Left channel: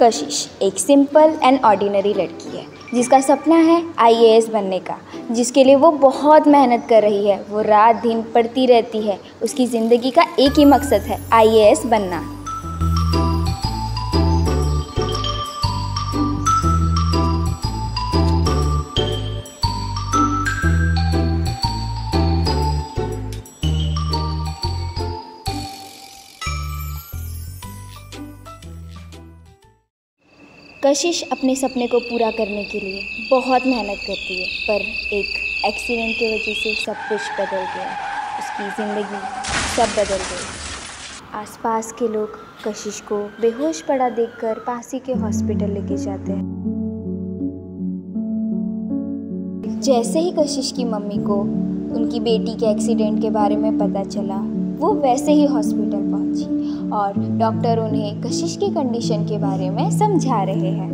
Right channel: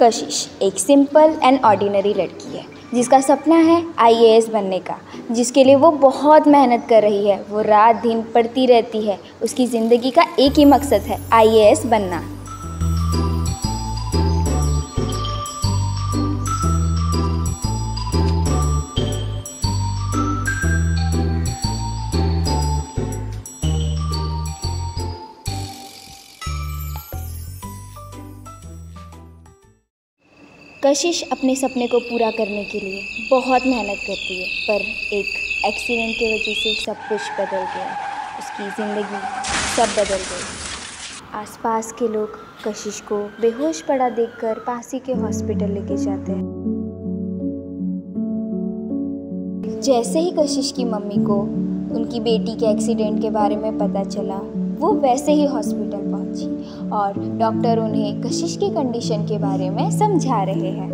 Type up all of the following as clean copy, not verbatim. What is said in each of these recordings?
कशिश एक simple and ordinary लड़की है जिसका सपना है आईएएस बनने का, जिसके लिए वो बहुत मेहनत कर रही है। वो रात दिन पढ़ती रहती है। उसकी ज़िंदगी का एक ही मकसद है, आईएएस बनना। कशिश अपने सपने को पूरा करने के लिए बहुत मेहनत करती है, पर एक एक्सीडेंट की वजह से सब कुछ बदल गया। उसकी ज़िंदगी सब बदल गई। आसपास के लोग कशिश को बेहोश पड़ा देखकर पास ही के हॉस्पिटल लेके जाते हैं। जैसे ही कशिश की मम्मी को उनकी बेटी के एक्सीडेंट के बारे में पता चला, वो वैसे ही हॉस्पिटल पहुंची और डॉक्टर उन्हें कशिश की कंडीशन के बारे में समझा रहे हैं।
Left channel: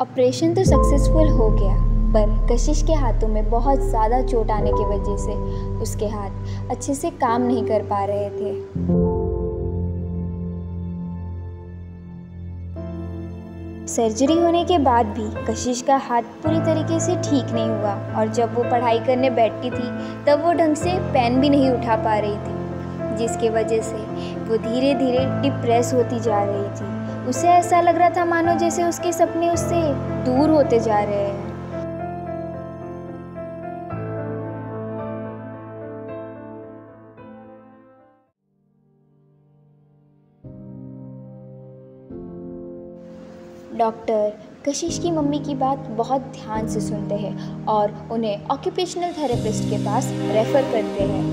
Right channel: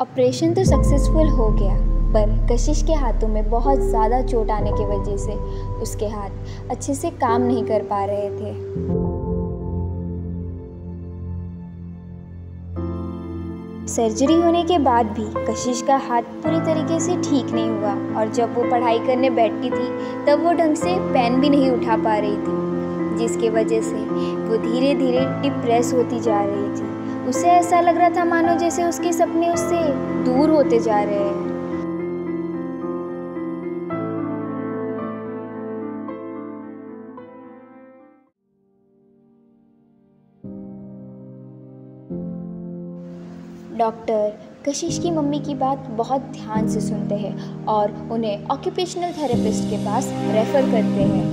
ऑपरेशन तो सक्सेसफुल हो गया, पर कशिश के हाथों में बहुत ज़्यादा चोट आने की वजह से उसके हाथ अच्छे से काम नहीं कर पा रहे थे। सर्जरी होने के बाद भी कशिश का हाथ पूरी तरीके से ठीक नहीं हुआ और जब वो पढ़ाई करने बैठती थी तब वो ढंग से पेन भी नहीं उठा पा रही थी, जिसके वजह से वो धीरे धीरे डिप्रेस होती जा रही थी। उसे ऐसा लग रहा था मानो जैसे उसके सपने उससे दूर होते जा रहे हैं। डॉक्टर कशिश की मम्मी की बात बहुत ध्यान से सुनते हैं और उन्हें ऑक्यूपेशनल थेरेपिस्ट के पास रेफ़र करते हैं।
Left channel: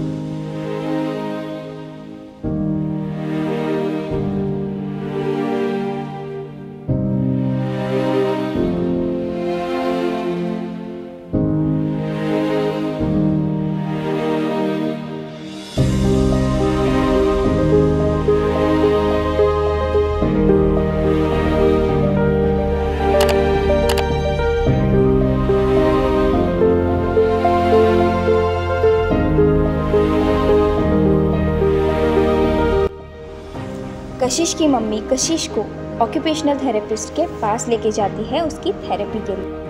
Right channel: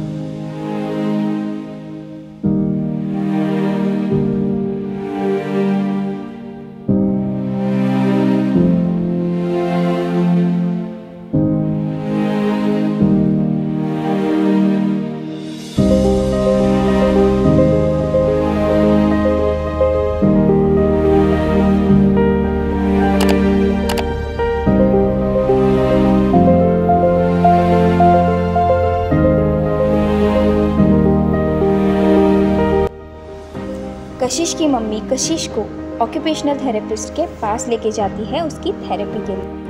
कशिश की मम्मी कशिश को ऑक्यूपेशनल थेरेपिस्ट के पास लेके जाती है उसकी थेरेपी के लिए।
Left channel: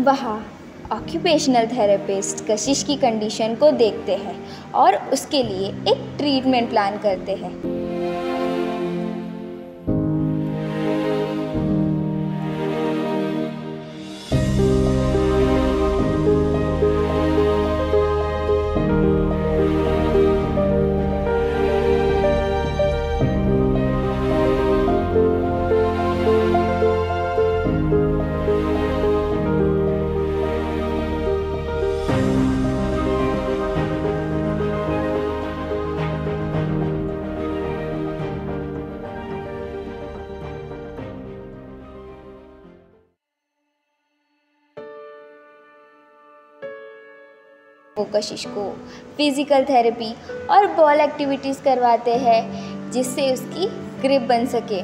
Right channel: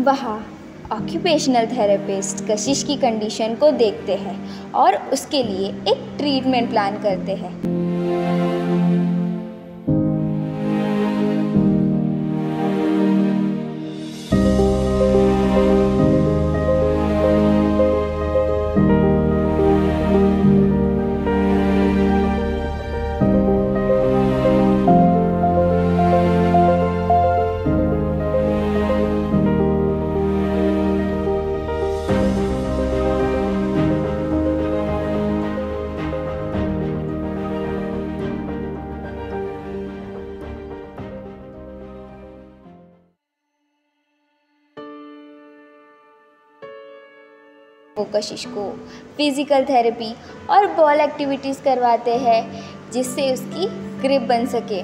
वहाँ ऑक्यूपेशनल थेरेपिस्ट कशिश की कंडीशन को देखते हैं और उसके लिए एक ट्रीटमेंट प्लान करते हैं। वो कशिश को फिज़िकल थेरेपी और बॉल एक्टिविटीज़ करवाते हैं जिससे उसकी ग्रिप बन सके।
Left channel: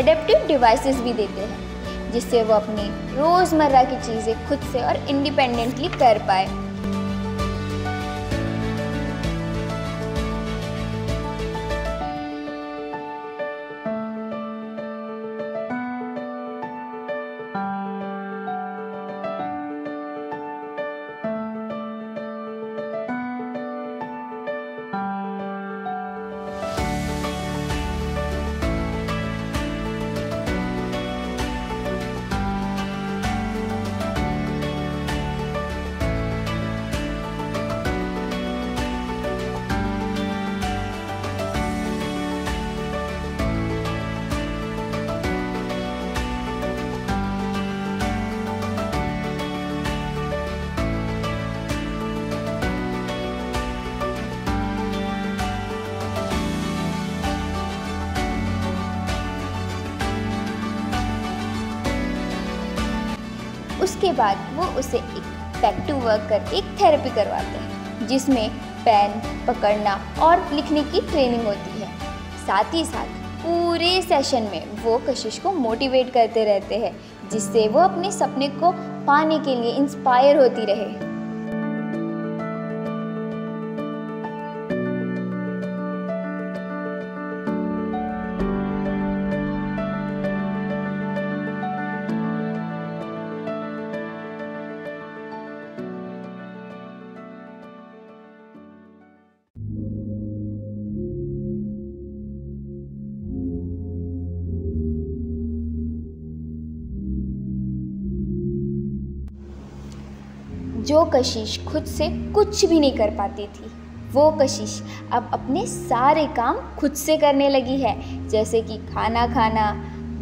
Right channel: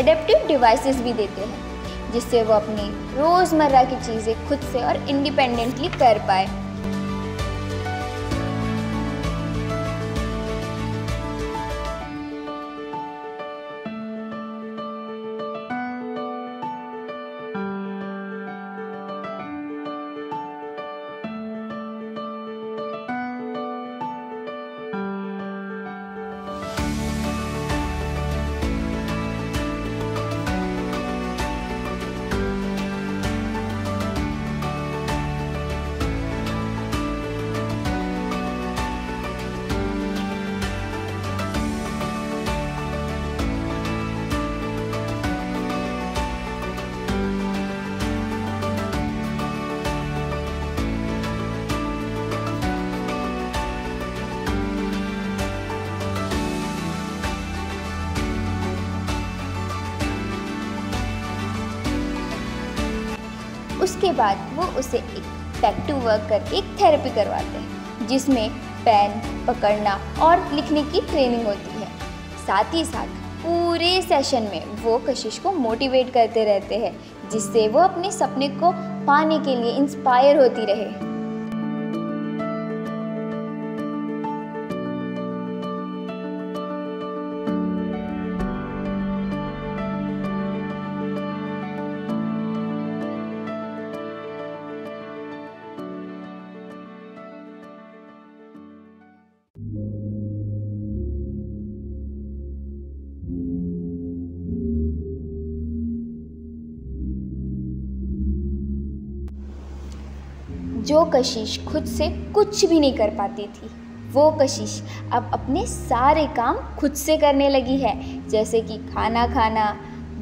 एडेप्टिव डिवाइसेस भी देते हैं जिससे वो अपनी रोज़मर्रा की चीज़ें खुद से और इंडिपेंडेंटली कर पाए। उसके बाद वो उसे एक बैक टू वर्क करके एक थेरेपी करवाते हैं जिसमें पेन पकड़ना और लिखने की ट्रेनिंग होती है। साथ ही साथ पूरे सेशन में वो कशिश को मोटिवेट करते रहते हैं जिससे वो अपने सपने को पाने के लिए इंस्पायर होती रहे। जो कशिश खुद से कुछ भी नहीं कर पाती थी, वो कशिश अब अपने सारे काम खुद से करने लगी है, जैसे कि खाना खाना,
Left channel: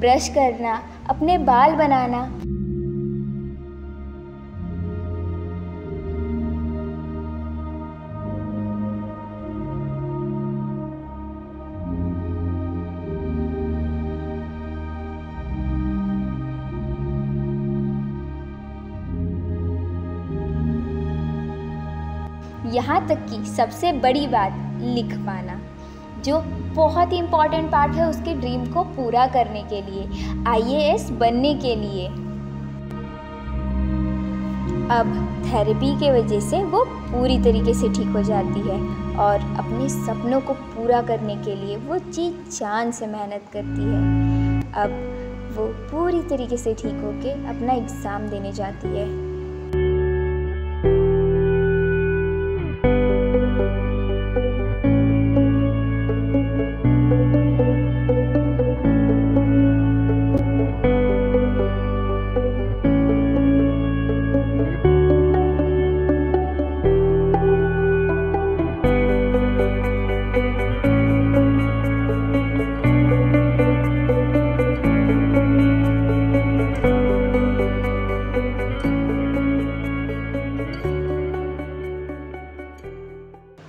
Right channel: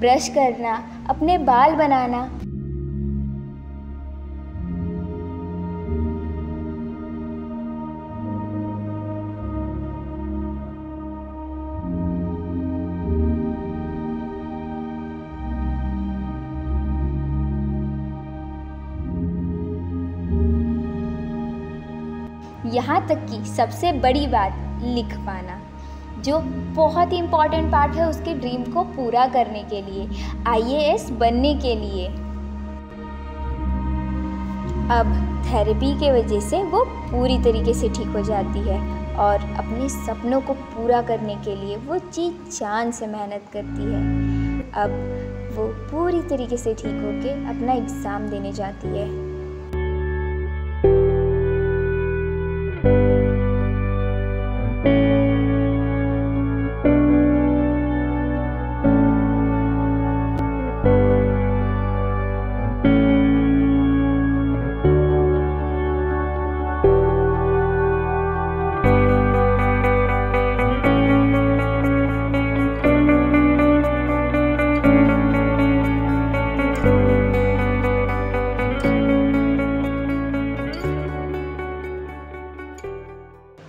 ब्रश करना, अपने बाल बनाना। यहाँ तक कि सबसे बड़ी बात लिख पाना, जो बहुत ही इम्पॉर्टेंट पार्ट है उसके ड्रीम को पूरा करने के लिए, IAS बनने के लिए। अब थेरेपी के वजह से वो पूरी तरीके से ठीक हो जाती है और अपने सपनों को पूरा करने के लिए वो जी जान से मेहनत करती है। अब वो पूरी तरीके से ठीक होके अपना एग्ज़ाम देने जाती है।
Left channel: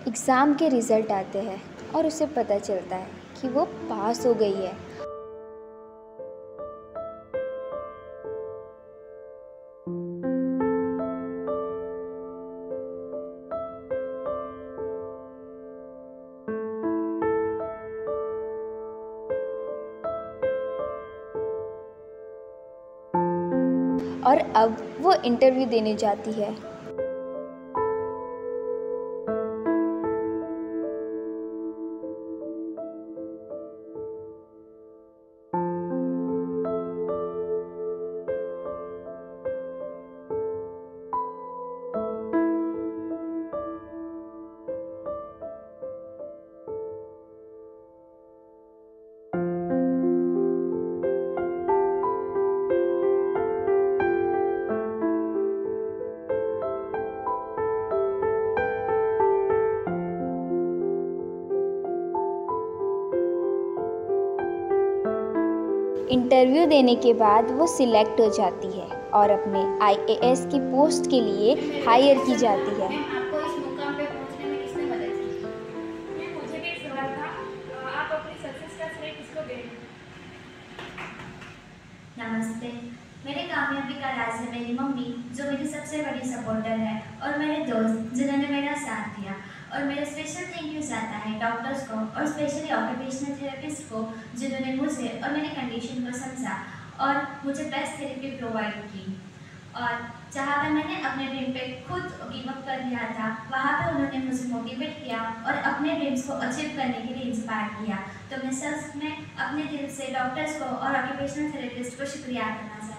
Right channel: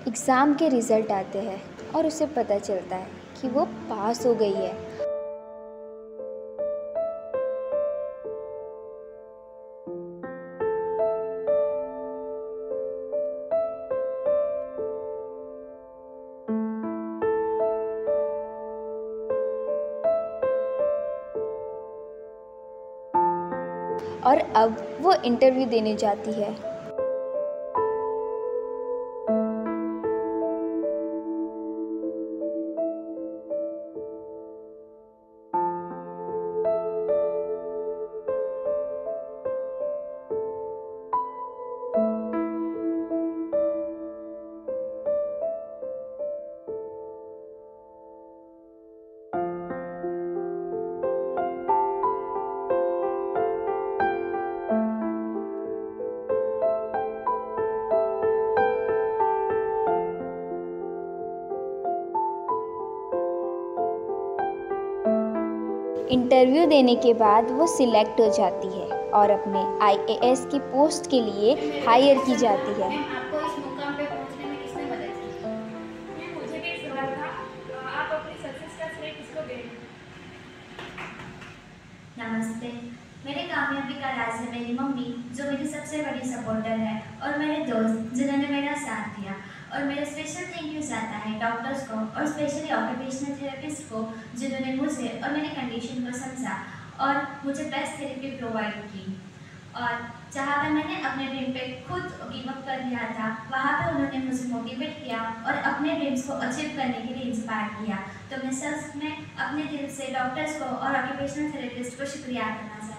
एग्ज़ाम के रिज़ल्ट आते हैं और उसे पता चलता है कि वो पास हो गई है। और अब वो इंटरव्यू देने जाती है। इंटरव्यू देने के बाद वो सिलेक्ट हो जाती है और अपने IAS की पोस्ट के लिए हायर की जाती है। आपको इस मुकाम पे पहुंचने में किसने मदद की? मुझे भी इस सवाल था, आप अपनी सक्सेस का श्रेय किसको देंगे? नमस्ते, मेरे कामयाबी का राज है मेरी मम्मी, जो मेरी सबसे बड़ी सपोर्टर है, और मेरे दोस्त जिन्होंने मेरा साथ दिया। और मेरा स्पेशल थैंक यू जाता है डॉक्टर्स को और स्पेशली ऑक्यूपेशनल थेरेपिस्ट को, जिन्होंने मुझे और मेरी कंडीशन को समझा और मुझे बेस्ट थेरेपी प्रोवाइड की। और जहाँ पर मैंने अपने ड्रीम पे खुद गिव अप कर दिया था, वहाँ पे उन्होंने मुझे मोटिवेट किया और अपने ड्रीम्स को अचीव करने के लिए इंस्पायर किया। तो मैं सच में अपने दिल से डॉक्टर्स को और ऑक्यूपेशनल थेरेपिस्ट को शुक्रिया करना चाहती हूँ।